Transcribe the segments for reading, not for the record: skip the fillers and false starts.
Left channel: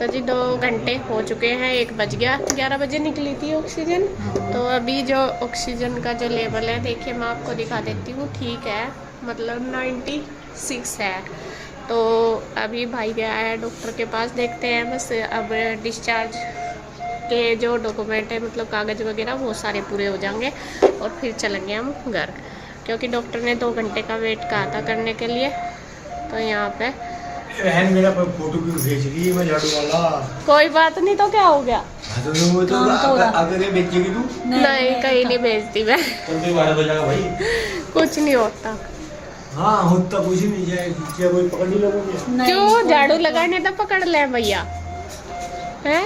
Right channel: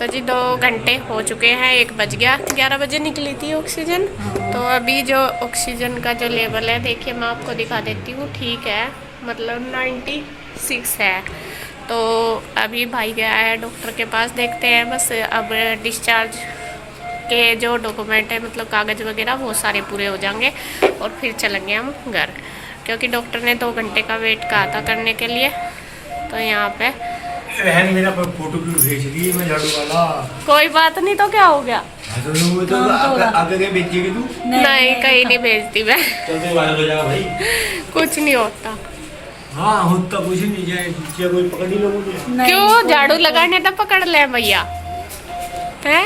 तो जी 2 घंटे हो चुके हैं, 1 बज गया। 11 बजे निकली थी ऑक्सीजन। तो अभी जो ऑक्सीजन का जो लेवल है देखिए मैं आपको दिखा देती हूँ, ठीक है, मतलब 96 है। तो अभी भाई गया है डॉक्टर के पास, देखते हैं बस अब डिस्चार्ज के जो डॉक्यूमेंट है मतलब कागज़ वगैरह वो सारे पूरे हो जाएंगे और फिर चलेंगे हम घर, क्योंकि डॉक्टर ने 2 घंटे का वेट कहा था करने के लिए। तो यहाँ पे बहन मेरा फोटो क्यों भेज रही है, मैं लड्डू वाला। कोई बात नहीं, तो क्या हो गया? आगे बेचेगी तू? नहीं कहीं नहीं भेजती मैं। चलते 12 बजेगा भाई। कुछ नहीं होता। हाँ होता कुछ नहीं, जाए कोई पकड़ नहीं लोगों ने। क्यों झाड़ू लगाने तो पकड़ ले भैया है।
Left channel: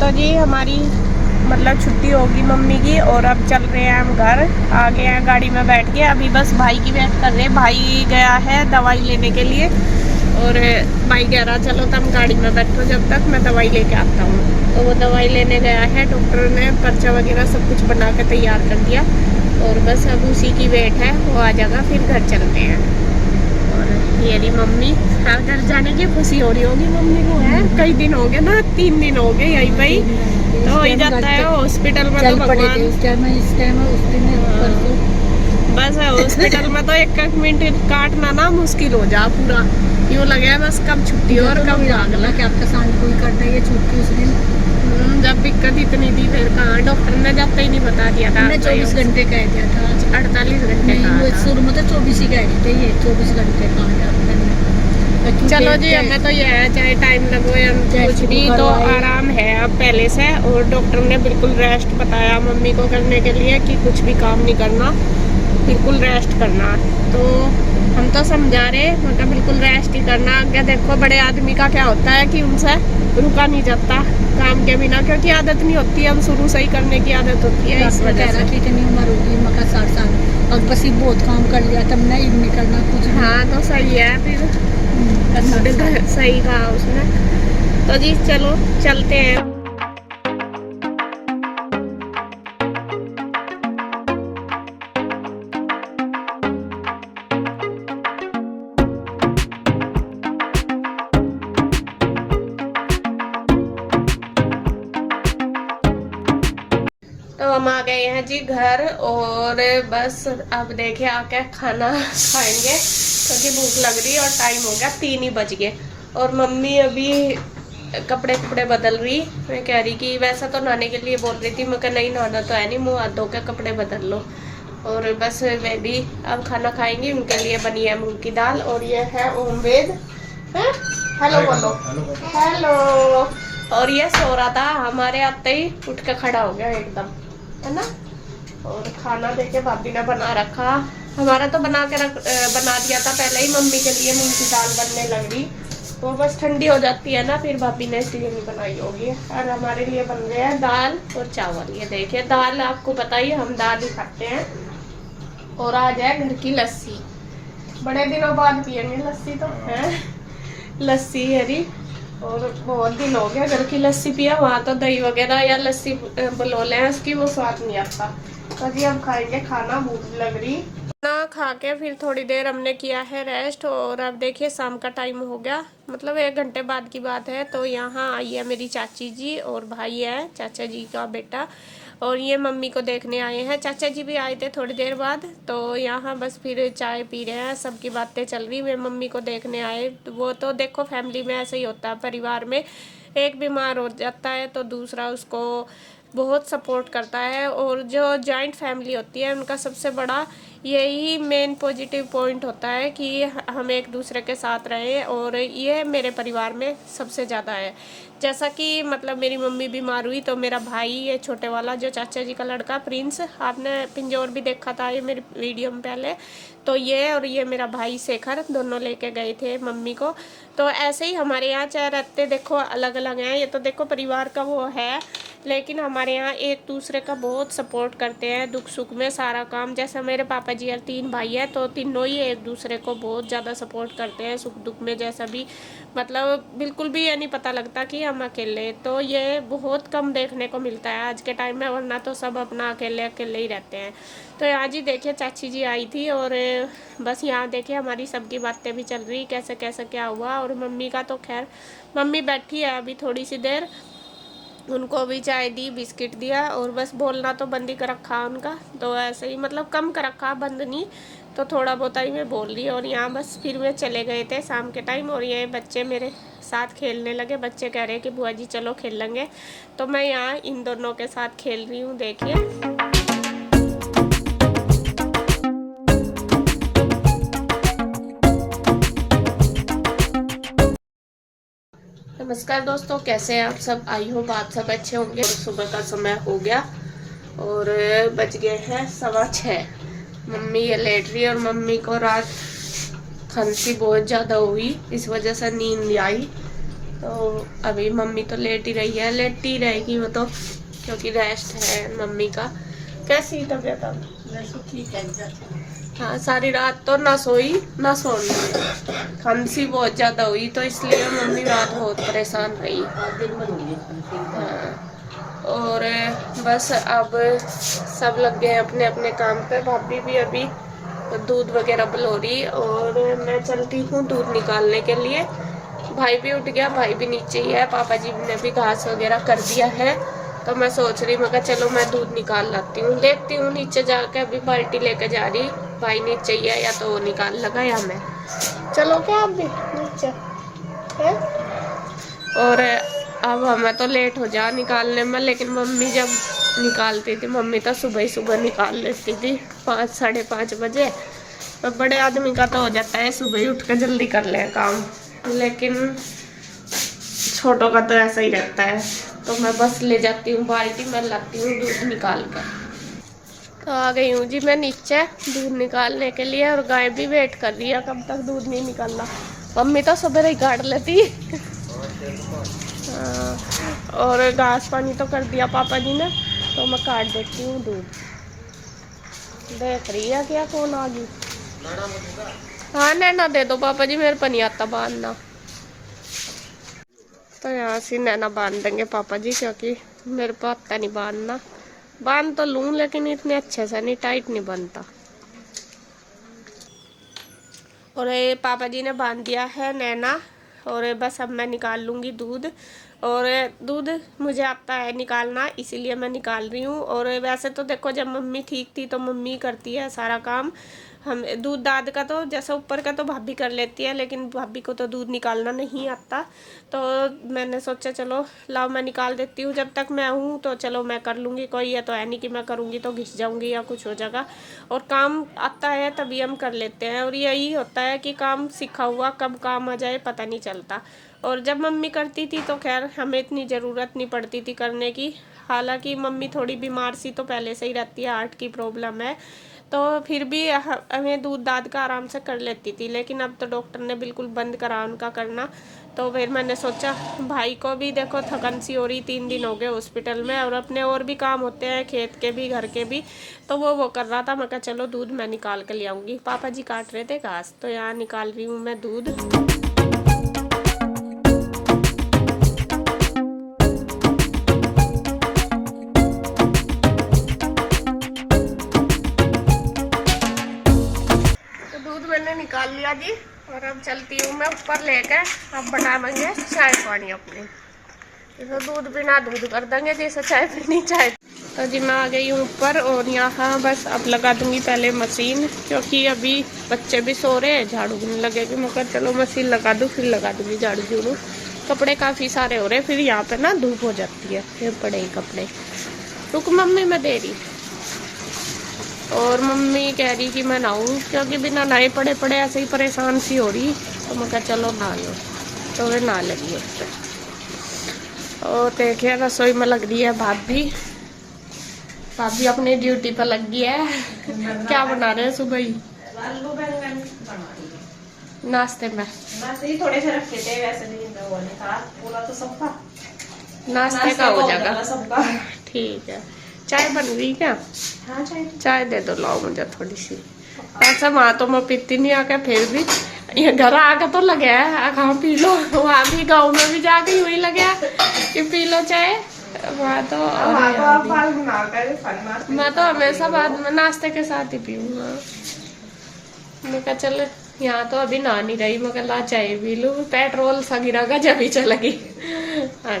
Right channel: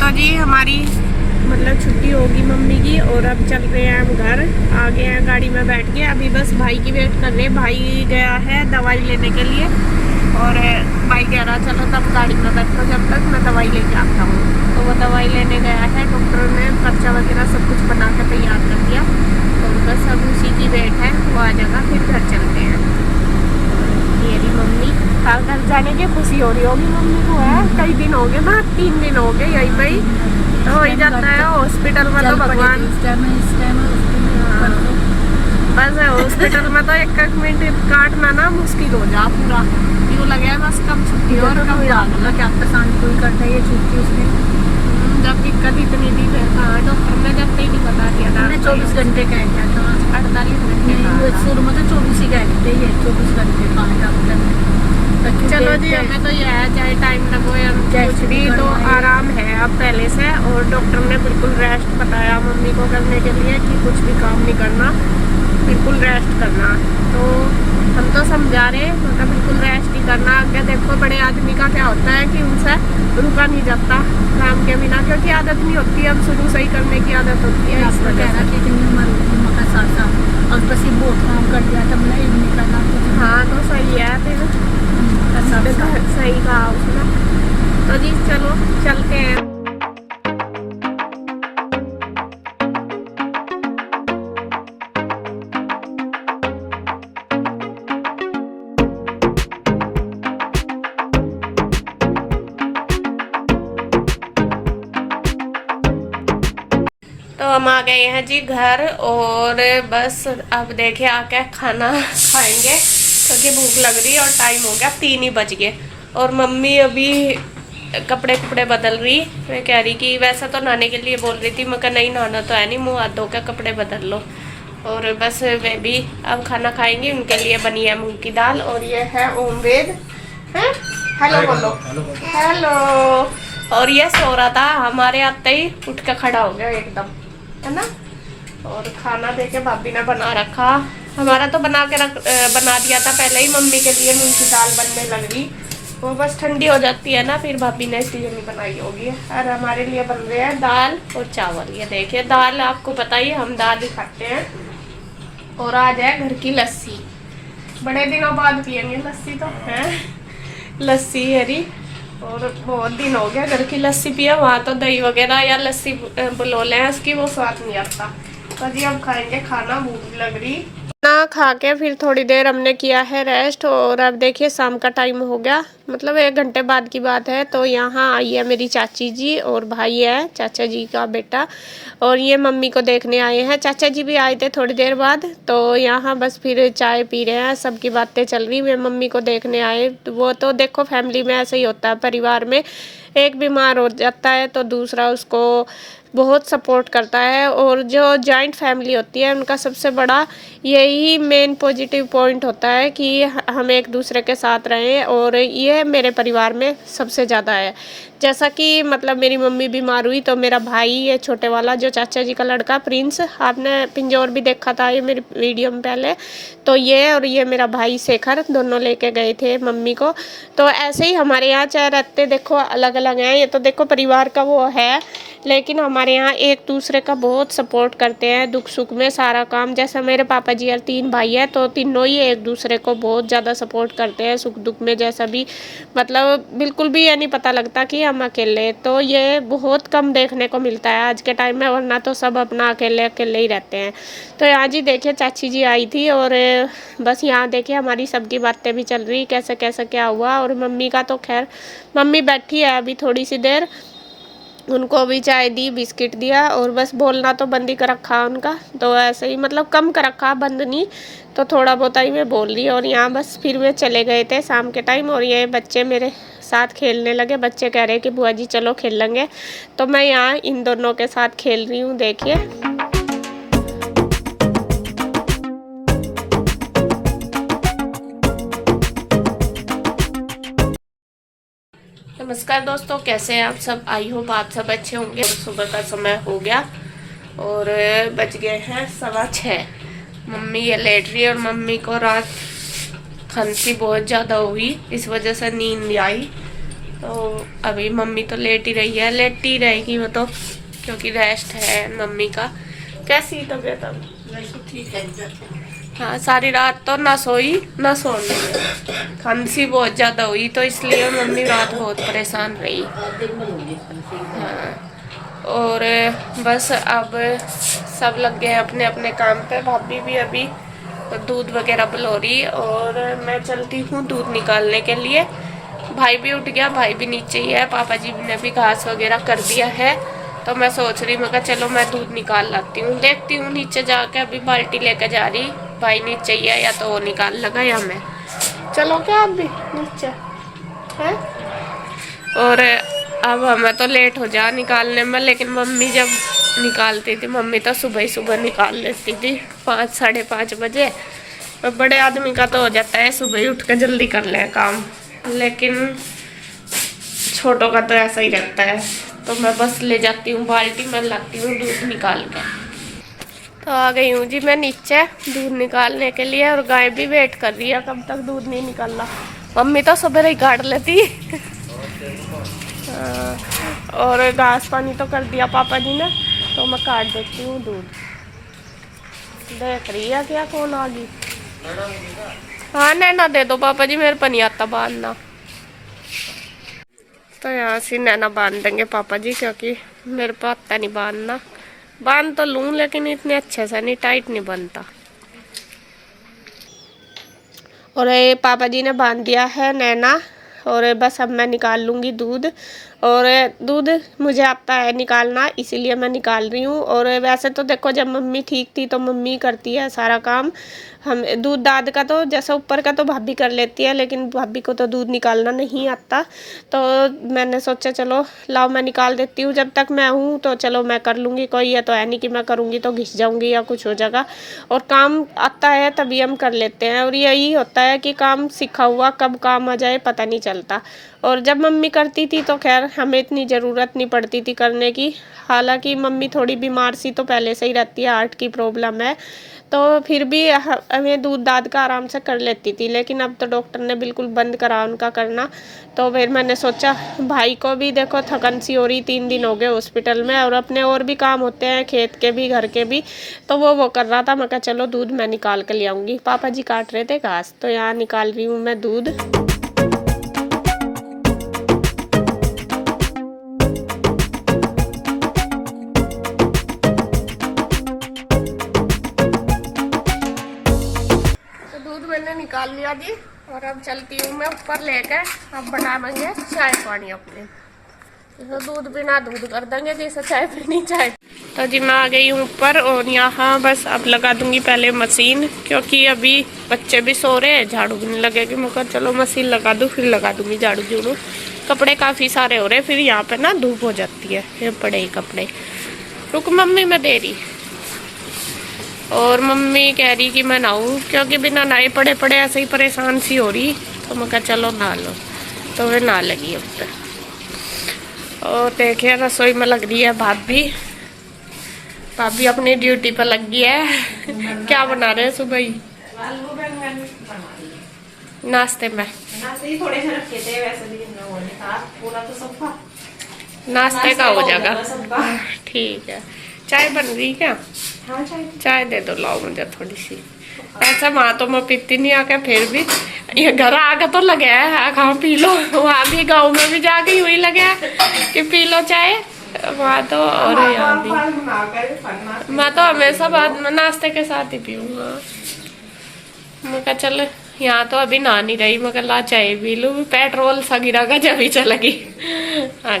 तो जी हमारी मतलब छुट्टी होगी मम्मी की और अब चल रहे हैं हम घर। आ गए हैं गाड़ी में बैठ के, अभी बस भाई की वेट कर रहे हैं। भाई गया है दवाई लेने के लिए और भाई कह रहा चलो तुम गाड़ी में बैठो जब तक मैं दवाई लेके आता हूँ। तो वो दवाई लेने गया है, डॉक्टर ने पर्चा वगैरह सब कुछ बना के तैयार कर दिया और बस अब उसी की वेट है, वो आ जाएगा फिर घर चलते हैं। मेरी मम्मी घर जाने की खुशी हो रही होगी मम्मी को, है कई दिन हो गए ना, 3 दिन हो गए यही पे तो हो ही जाता है हॉस्पिटल में। तो भगवान बस हॉस्पिटल में तो 1 मिनट काटना ना मुश्किल हो जा पूरा, यूँ लगे बस कब छुट्टी और कब जाना। क्या आपका सांड कोई करता है छुट्टी उस दिन, जब दिक्कत इतनी थी फिर कहाँ, डॉक्टर ने जब तक ही नहीं बता दिया था। 24 घंटे कह दिया था, 48 घंटे नहीं वो शुरू में तो 24 ही कह रही थी, 24 घंटे कहा डॉक्टर ने। चलो जी हमें तो ये है चाहे टाइम लगो या कुछ भी, तो आराम है अब पहले से। और डॉक्टर ने बिल्कुल रेस्ट बताया मम्मी को करने के लिए कि कुछ भी काम नहीं करना, बिल्कुल रेस्ट करना। तो हम तो समझा रहे मतलब बिल्कुल रेस्ट ही करना। क्या देखो बड़े आदमी का क्या होता है कि उनसे रुका नहीं जाता काम के बिना, क्योंकि आदत नहीं होती, हम शुरू से ही करने की आदत होती है इस वजह से। कितनी उम्र होगी मका 60 साल और बस ये बहुत काम कर लिया तब नहीं करना कुछ। हाँ तो सही है फिर, सही कहा उसने। तो जी चलो चलते हैं। तो हम आ गए हैं जी घर और बस अब देखिए आके खाना खाएंगे क्योंकि भूख लग रही है और टाइम हो गया 3 ही बज गए। और मम्मी अभी कपड़े बदल रही, मैं कह रही कि वैसा तो नहाने के लिए बोल रही थी, मैं कहा नहीं नहाना तो है नहीं, मुँह हाथ धो के कपड़े बदल लो। और बस वे भी अब खाना खाएंगी, उनके लिए बनी है मूंग की दाल और ये है ओमवेद है। हेलो बोलो, हेलो। और ये सो रहा था, हमारे आते ही उठ के खड़ा हो गया एकदम, है ना। और खाना देखे भाभी ने बना रखा, हमारा तो बना दिया था पहले ही, मम्मी के लिए मूंग की दाल बनने लग रही, वो बस ठंडी हो जाती है ना फिर भाभी ने इसलिए नहीं बनाई होगी। और हमारे लिए बन रहे हैं दाल और चावल। ये देखिए दाल आपको पता ही हम दाल ही खाते हैं। और आज है घर की लस्सी, बड़े दिनों बाद पियेंगे लस्सी तो है, लस्सी हरी। और बहुत दिन हो गया घर की लस्सी पिया, वहाँ तो दही वगैरह या लस्सी बलोले हैं उसकी वो स्वाद नहीं आता। तो जी अब खाएंगे खाना, भूख भी लग रही ना। खा के फिर थोड़ी देर हमने किया है रेस्ट और अब देखिए शाम का टाइम हो गया, मतलब 1 घंटे बाद की बात है। तो यहाँ आई है मेरी चाची जी और भाई है चाचा जी का बेटा, और ये मम्मी को देखने आए हैं। चाचा जी भी आए थे थोड़ी देर बाद, तो यहाँ बस फिर चाय पी रहे हैं, सबकी बातें चल रही। वे मम्मी को देखने आए, वो तो देखो फैमिली में ऐसे ही होता है, परिवार में एक बीमार हो जाता है तो दूसरा उसको बहुत सपोर्ट करता है। और जो जॉइंट फैमिली होती है उनका सबसे बड़ा यही मेन पॉजिटिव पॉइंट होता है कि हम एक दूसरे के साथ रहें, और ये मेरे परिवार में सबसे ज़्यादा है। जैसा कि मतलब मेरी मम्मी बीमार हुई तो मेरा भाई ये छोटे वाला जो चाचा जी का लड़का प्रिंस, आपने पिंजौर भी देखा था ये मेरी वीडियो में पहले, तो ये और ये मेरा भाई शेखर दोनों लेके गए थे मम्मी को। तो ऐसे ही हमारे यहाँ चाहे रहते देखो अलग अलग हैं, ये तो देखो परिवार का वो है, लेकिन हमारे यहाँ एक दूसरे का बहुत सपोर्ट करते हैं दुख सुख में सारा काम। जैसे मेरे पापा जी और 3 भाई हैं तो तीनों ही एक दूसरे को बहुत ज़्यादा सपोर्ट करते हैं सुख दुख में। जैसा भी मतलब बिल्कुल भी ये नहीं पता लगता कि हम अकेले, तो ये बहुत कम देखने को मिलता है आज के टाइम में, वरना तो सब अपना अकेले अकेले ही रहते हैं। तो यहाँ जी देखिए चाची जी आई थी और बस यहाँ देखिए हमारी सबकी बातें भी चल रही कैसे कैसे क्या हुआ। और मम्मी का तो खैर मम्मी बैठी है अभी थोड़ी सी देर, उनको भी चाय दी बिस्किट दिया और बस बोलना तो बंद ही कर रखा उनका, तो ऐसे ही मतलब कम कर रखा बंद नहीं, तो थोड़ा बहुत ही मैं बोल रही। और यहाँ बस फिर वे चले गए थे शाम के टाइम और ये बच्चे मेरे साथ खेलने लगे। बच्चे कह रहे हैं कि बुआ जी चलो खेल लेंगे, तो मैं यहाँ इन दोनों के साथ खेल रही हूँ देखिए। नमस्कार दोस्तों, कैसे हैं आप सब? आई होप आप सब अच्छे होंगे। और सुबह का समय हो गया और बज गए हैं 6:15। मम्मी ये लेट रही है और मम्मी को रात खांसी बहुत ज़्यादा हुई, इस वजह से नींद नहीं आई। तो अभी मम्मी तो लेट ही रही है, लेट ही रहेगी वो तो, क्योंकि रेस्ट है मम्मी का। कैसी तबीयत अब? ठीक है। हाँ, सारी रात तो ना सोई ना सोने, खांसी बहुत ज़्यादा हुई तो इसलिए मम्मी रात बहुत परेशान रही। हाँ, और बस अब सब लग गए हैं अपने अपने काम पे। भाभी भी अभी दूध वगैरह पिलो रही और मैं चलती हूँ दूध निकालने के लिए। भाई भी उठ गया, भाई भी नीचे ही है। पापा जी ने भी घास वगैरह कर दिया है, तो मैं सोच रही मैं चलो मैं दूध निकाल लाती हूँ। देखती हूँ नीचे जाके, अभी बाल्टी लेकर जा रही, भाई नीचे ही है, या तो वो निकाल लगा या मैं। चलो क्या आप भी नीचे है? और अब हमें तो लेट हो जा निकालने में, लेकिन मम्मी जब निकालती थी, मम्मी तो सुबह ही सुबह निकाल लेती थी 5 साढ़े 5 बजे। और बड़े आदमी का तो हो जाता है सुबह ही उठ कर जल्दी कर लें काम, लेकिन छोटों का तो ऐसा ही रहता है। तो मैं बस ले जाती हूँ बाल्टी में, लाती हूँ दूध निकाल के। तो आ गई हूँ जी मैं नीचे दूध निकालने के लिए, और गाय भी वेट कर रही है कब तक दूध नहीं निकल रहा। मम्मी तो सुबह ही काट लेती। और घास पानी तो कर दिया पापा जी ने, तो मैं काट देती हूँ दूध। देख रही है क्या कौन आ गई? हाँ नैना दे दो पापा जी, मेरे पर नहीं आता बांधना। तो यहाँ से नैना बांध देंगे पापा जी, क्योंकि मेरे को आता नहीं बांधना। बांध तो लूँ लेकिन इतने अच्छे से नहीं, टाइट नहीं बनता। और ये पापा जी ने बांध दिया है नैना, और बस अब मैं निकाल लूँगी दूध। और दूध मुझे आता है निकालना, इसीलिए मैं निकाल रही हूँ। और वैसे तो देखो जब मम्मी ठीक थी तो मम्मी करती है सारा काम। हम दूध दाद का तो जैसा ऊपर का तो भाभी कर लेती है, लेकिन भाभी को तो दूध निकालना नहीं आता। तो मैंने सोचा चलो लाओ मैं निकाल देती हूँ, जब तक मैं हूँ तो चलो मैं कर लूँगी। कोई है तो है नहीं कि मैं करूँगी तो घिस जाऊँगी या कुछ हो जाएगा। और काम आता है तभी हम कर लेते हैं, और यही होता है कि काम सीखा हुआ कब काम आ जाए पता नहीं चलता। और जब मम्मी करती थी तो खैर हमें इतनी ज़रूरत नहीं पड़ती थी करने की। हालांकि मम्मी थोड़ी बीमार सी तो पहले से ही रहती है, हार्ट की प्रॉब्लम है, तो फिर भी हमें दूध दाद का आराम से कर लेती थी। लेकिन अब तो डॉक्टर ने बिल्कुल बंद करा उनका करना। तो फिर मैंने सोचा भाई को भी देखो थकन सी हो रही, 3 दिन हो गए हॉस्पिटल में, और अपने और भी काम होते हैं खेत के भी घर के भी, तो वो कर रहा था। मैं कहा चलो दूध मैं निकाल कर ले आऊँगी। पापा जी काट रहे थे घास, तो यहाँ निकाल रही हूँ मैं दूध। मैंने निकाल लिया जी, और अब चलती हूँ मैं ऊपर लेकर। अब बनाएंगे चाय पानी अपने, जैसे दूध बिना दूध कर देंगे, जैसे चाय पीनी चाय। तो जी मैं आ गई हूँ ऊपर, और यहाँ बस अब लगा दूंगी पहले मशीन, क्योंकि अभी बच्चे भी सो रहे हैं, झाड़ू भी नहीं लगेगी। मैं कहा चलो मशीन लगा दूँ, फिर लगा दूंगी झाड़ू झूड़ू। कपड़े काफ़ी सारे हो रहे हैं, फिर यहाँ पे ना धूप हो जाती है, फिर पड़े ही कपड़े। रुक मम्मी मैं दे रही। और मम्मी कह रही कि मैं नहाऊँ, क्योंकि बिना नहाए पड़े पड़े ऐसे ही परेशान सी हो रही। तो मैं कहा चलो नहा लो, तो वे नहा लगी ऊपर। और देखिए रसोई में लग रही है भाभी। भाभी अपनी ड्यूटी पर लग गई है। क्या बना रहे हैं सुबह ही नाश्ते में? थोड़े से रखे थे वैसे, पूरा तो सफा नाश्ते का हो जाएगा सबका। ठीक है। चाय बन गई क्या? हाँ चाय दे दो, लाओ मुझे थोड़ी सी। ऐसा वहाँ तो मैं पीती नहीं आके, फिर भी ये घर आके तो लगे है कहाँ पी लो। वहाँ भी गाँव में भी जाके वही लगे है कि पी लो चाय वहाँ तो, और यहाँ भी मैं तो हमेशा बाद में नाश्ते के साथ ही पीऊंगा। मैं कहा चल यहाँ तो अभी नहा नहीं रही, मैं ला चाय पी लूँ, पेट्रोल सगिरा का जब ही चलेगी। हाँ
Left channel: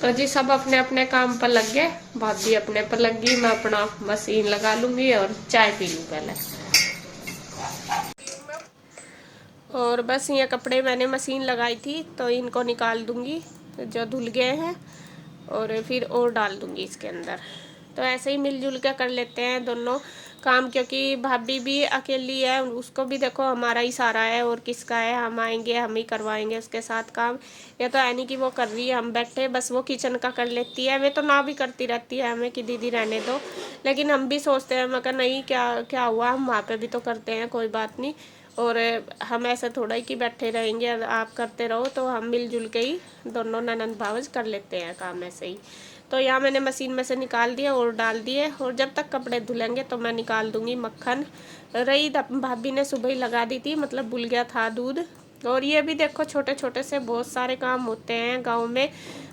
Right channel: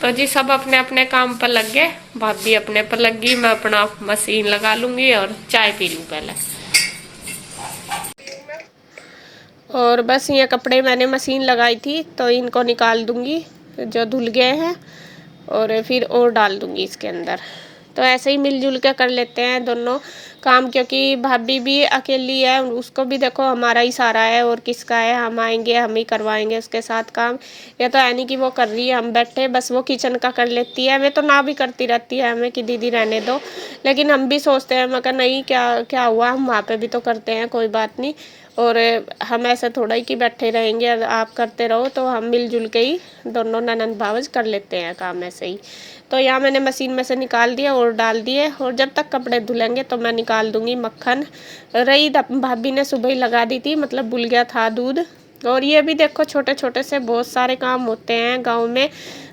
तो जी सब अपने अपने काम पर लग गए, भाभी अपने पर लग गई, मैं अपना मशीन लगा लूंगी और चाय पी लूँ पहले। और बस ये कपड़े मैंने मशीन लगाई थी तो इनको निकाल दूंगी जो धुल गए हैं, और फिर और डाल दूंगी इसके अंदर। तो ऐसे ही मिलजुल के कर लेते हैं दोनों काम, क्योंकि भाभी भी अकेली है, उसको भी देखो हमारा ही सारा है और किसका है, हम आएंगे हम ही करवाएंगे उसके साथ काम। या तो यानी कि वो कर रही है, हम बैठे बस वो किचन का कर लेती है, हमें तो ना भी करती रहती है हमें कि दीदी रहने दो, लेकिन हम भी सोचते हैं मैं कहा नहीं क्या हुआ, हम वहाँ पे भी तो करते हैं, कोई बात नहीं। और हम ऐसा थोड़ा ही कि बैठे रहेंगे आप करते रहो, तो हम मिलजुल के ही दोनों ननंद भावज कर लेते हैं काम ऐसे ही। तो यहाँ मैंने मशीन में से निकाल दिया और डाल दिए, और जब तक कपड़े धुलेंगे तो मैं निकाल दूंगी मक्खन। रही भाभी ने सुबह ही लगा दी थी, मतलब भूल गया था दूध। और ये भी देखो छोटे छोटे से बहुत सारे काम होते हैं गांव में,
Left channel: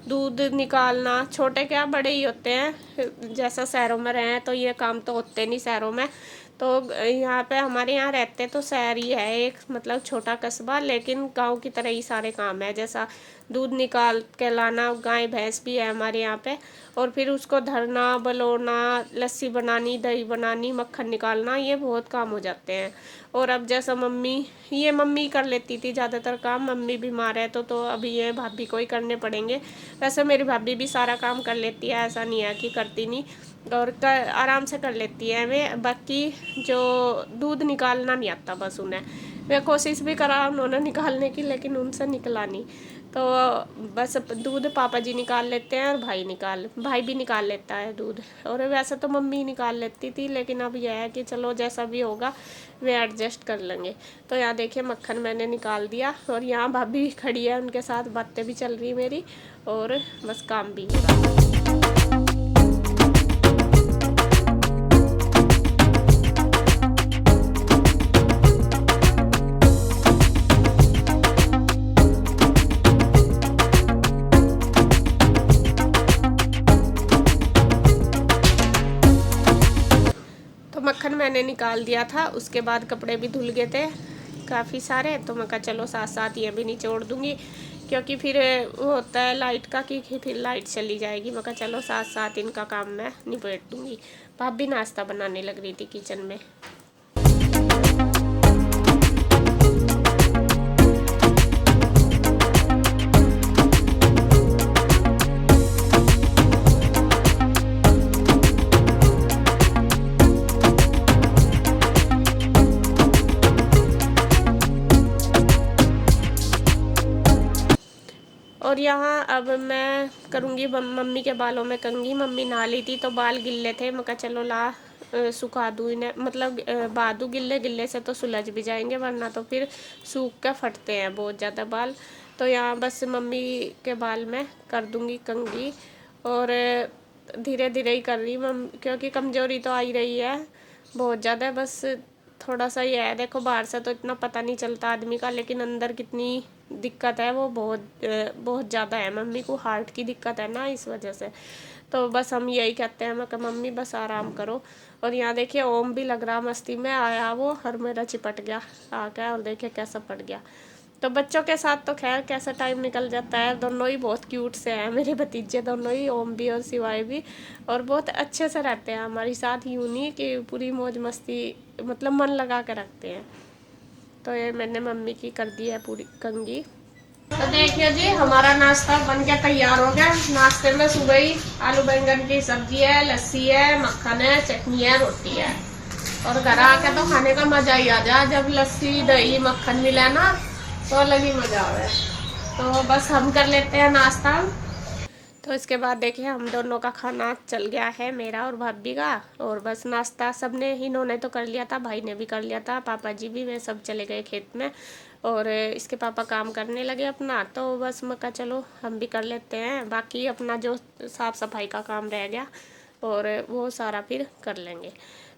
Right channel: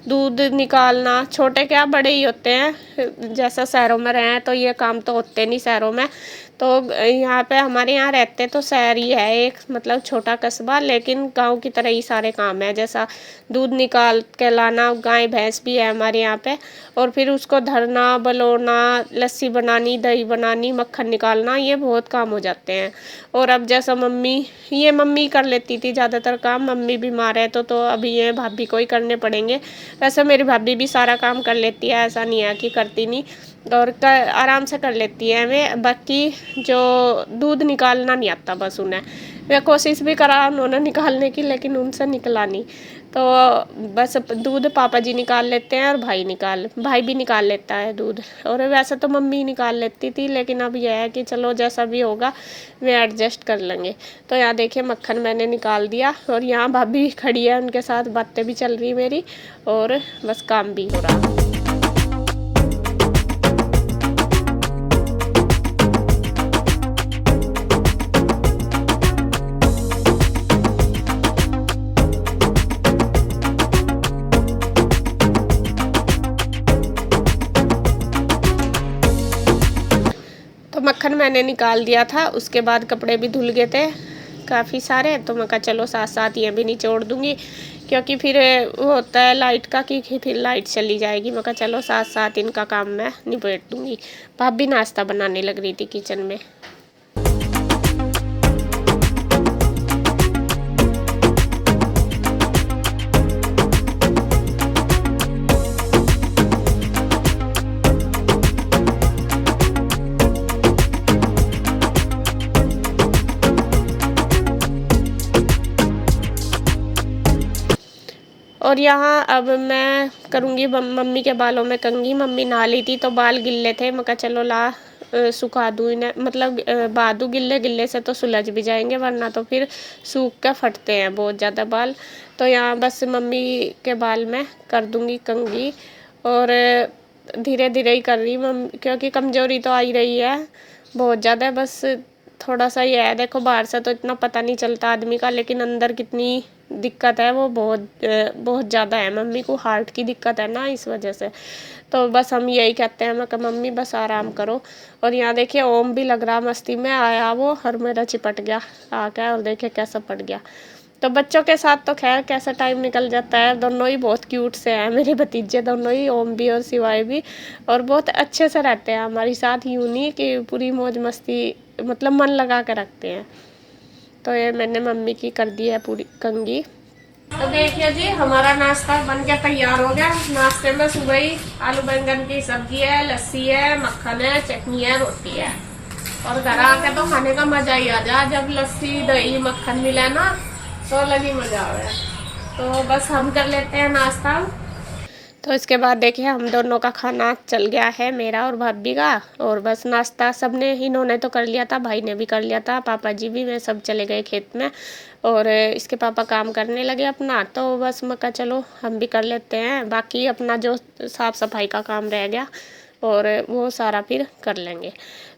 दूध निकालना, छोटे क्या बड़े ही होते हैं। जैसा शहरों में रहे हैं तो ये काम तो होते नहीं शहरों में, तो यहाँ पे हमारे यहाँ रहते तो शहर ही है एक, मतलब छोटा कस्बा, लेकिन गांव की तरह ही सारे काम है। जैसा दूध निकाल के लाना, गाय भैंस भी है हमारे यहाँ पे, और फिर उसको धरना, बलोना, लस्सी बनानी, दही बनानी, मक्खन निकालना, ये बहुत काम हो जाते हैं। और अब जैसा मम्मी कर लेती थी ज़्यादातर काम, मम्मी बीमार है तो अभी ये भाभी को ही करने पड़ेंगे। वैसे मेरी भाभी भी सारा काम कर लेती है, ऐसा नहीं है कि करती नहीं, और आराम से कर लेती है। मैं बाकी जो दूध निकालना नहीं आता बस उन्हें, मैं कोशिश भी करा उन्होंने निकालने की, लेकिन उनसे निकला नहीं। तो बस दूध पापा जी निकाल लेते हैं और भाई भी निकाल लेता है दूध। और वैसे तो मम्मी निकाल लेती थी, लेकिन अब यह है कि चलो जैसा भी होगा वे एडजस्ट कर लेंगे। तो यहाँ देखिए मक्खन मैंने निकाल दिया, और यहाँ भाभी खड़ी है, उनके साथ बातें भी चल रही मेरी, और बस काम भी हो रहा है। मक्खन मैंने निकाल दिया था, उसके बाद कपड़े भी धुल गए थे काफ़ी सारे, तो मैं कहा चलो साथ साथ ये भी निचोड़ दूंगी, क्योंकि फिर वो होता है लाइट का कि फिर लाइट चली जाएगी। मैं कहा चलो साथ साथ इनका काम मैं निपट दूंगी। भाभी नाश्ता बनाने लग रही थी किचन में। और यहाँ अब मैं करूँगी मम्मी के बालों में कंघी। मम्मी नहा ली थी तो बाल गिल्ले थे, मैं कहा चलो ला सुखा दूँ इन्हें, मतलब बादू गिल्ले से तो सुलझ भी जाएंगे, वरना तो फिर सूख के फटते हैं बहुत ज़्यादा बाल। तो यहाँ बस मम्मी के बाल में कर दूँगी कंघी, और धीरे धीरे ही कर रही मम्मी, क्योंकि कमज़ोरी तो आ ही रही है बहुत ज़्यादा। बस थोड़ा सा ये है, देखो बाहर से तो इतना पता नहीं चलता आदमी का, लेकिन अंदर कितनी दिक्कत है वो बहुत ज़्यादा है। मम्मी को हार्ट की दिक्कत है ना, इस वजह से। तो बस हम यही कहते हैं, मैं कहा मम्मी बस आराम करो। और यहाँ देखिए ओम भी लग रहा मस्ती में आया वो, और मेरा चिपट गया आके, और देखिए कैसा पड़ गया। तो बच्चों के साथ तो खैर कैसा टाइम निकल जाता है। दोनों ही बहुत क्यूट से हैं मेरे भतीजे, दोनों ही, ओम भी और शिवाय भी, और बहुत अच्छे से रहते हैं हमारे साथ, यूँ नहीं कि पूरी मौज मस्ती, मतलब मन लगा कर रखते हैं। तो ये मैंने मम्मी की कर दी है पूरी कंघी। तो देखिए जी हमारा नाश्ता बन के तैयार हो गया। नाश्ते में सुबह ही आलू बैंगन की सब्जी है, लस्सी है, मक्खन है, चटनी है, रोटी है। और घर आके तो खाने का मजा ही आ जाए, जब लस्सी दही मक्खन मिले ना तो अलग ही मजा आवे। तो बस हम कर लेते हैं नाश्ता। तो इसके बाद देखिए हम दोनों का खाना चल गया है, मेरा और भाभी का। और बस नाश्ता सबने, इन्होंने तो कर लिया था, भाई ने भी कर लिया था, पापा जी भी, वे सब चले गए खेत में। और इसके पापा काम करने लगे अपना, तो बस मैं कहा चलो हम भी कर लेते हैं, बाकी अपना जो साफ़ सफाई का काम रह गया और वो सारा फिर कर लेंगे।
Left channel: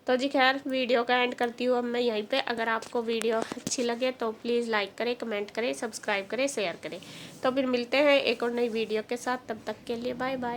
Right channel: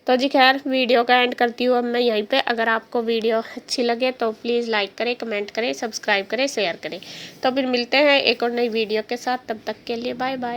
तो जी खैर वीडियो का एंड करती हूँ अब मैं यहीं पे। अगर आपको वीडियो अच्छी लगे तो प्लीज़ लाइक करें, कमेंट करें, सब्सक्राइब करें, शेयर करें। तो फिर मिलते हैं एक और नई वीडियो के साथ, तब तक के लिए बाय बाय।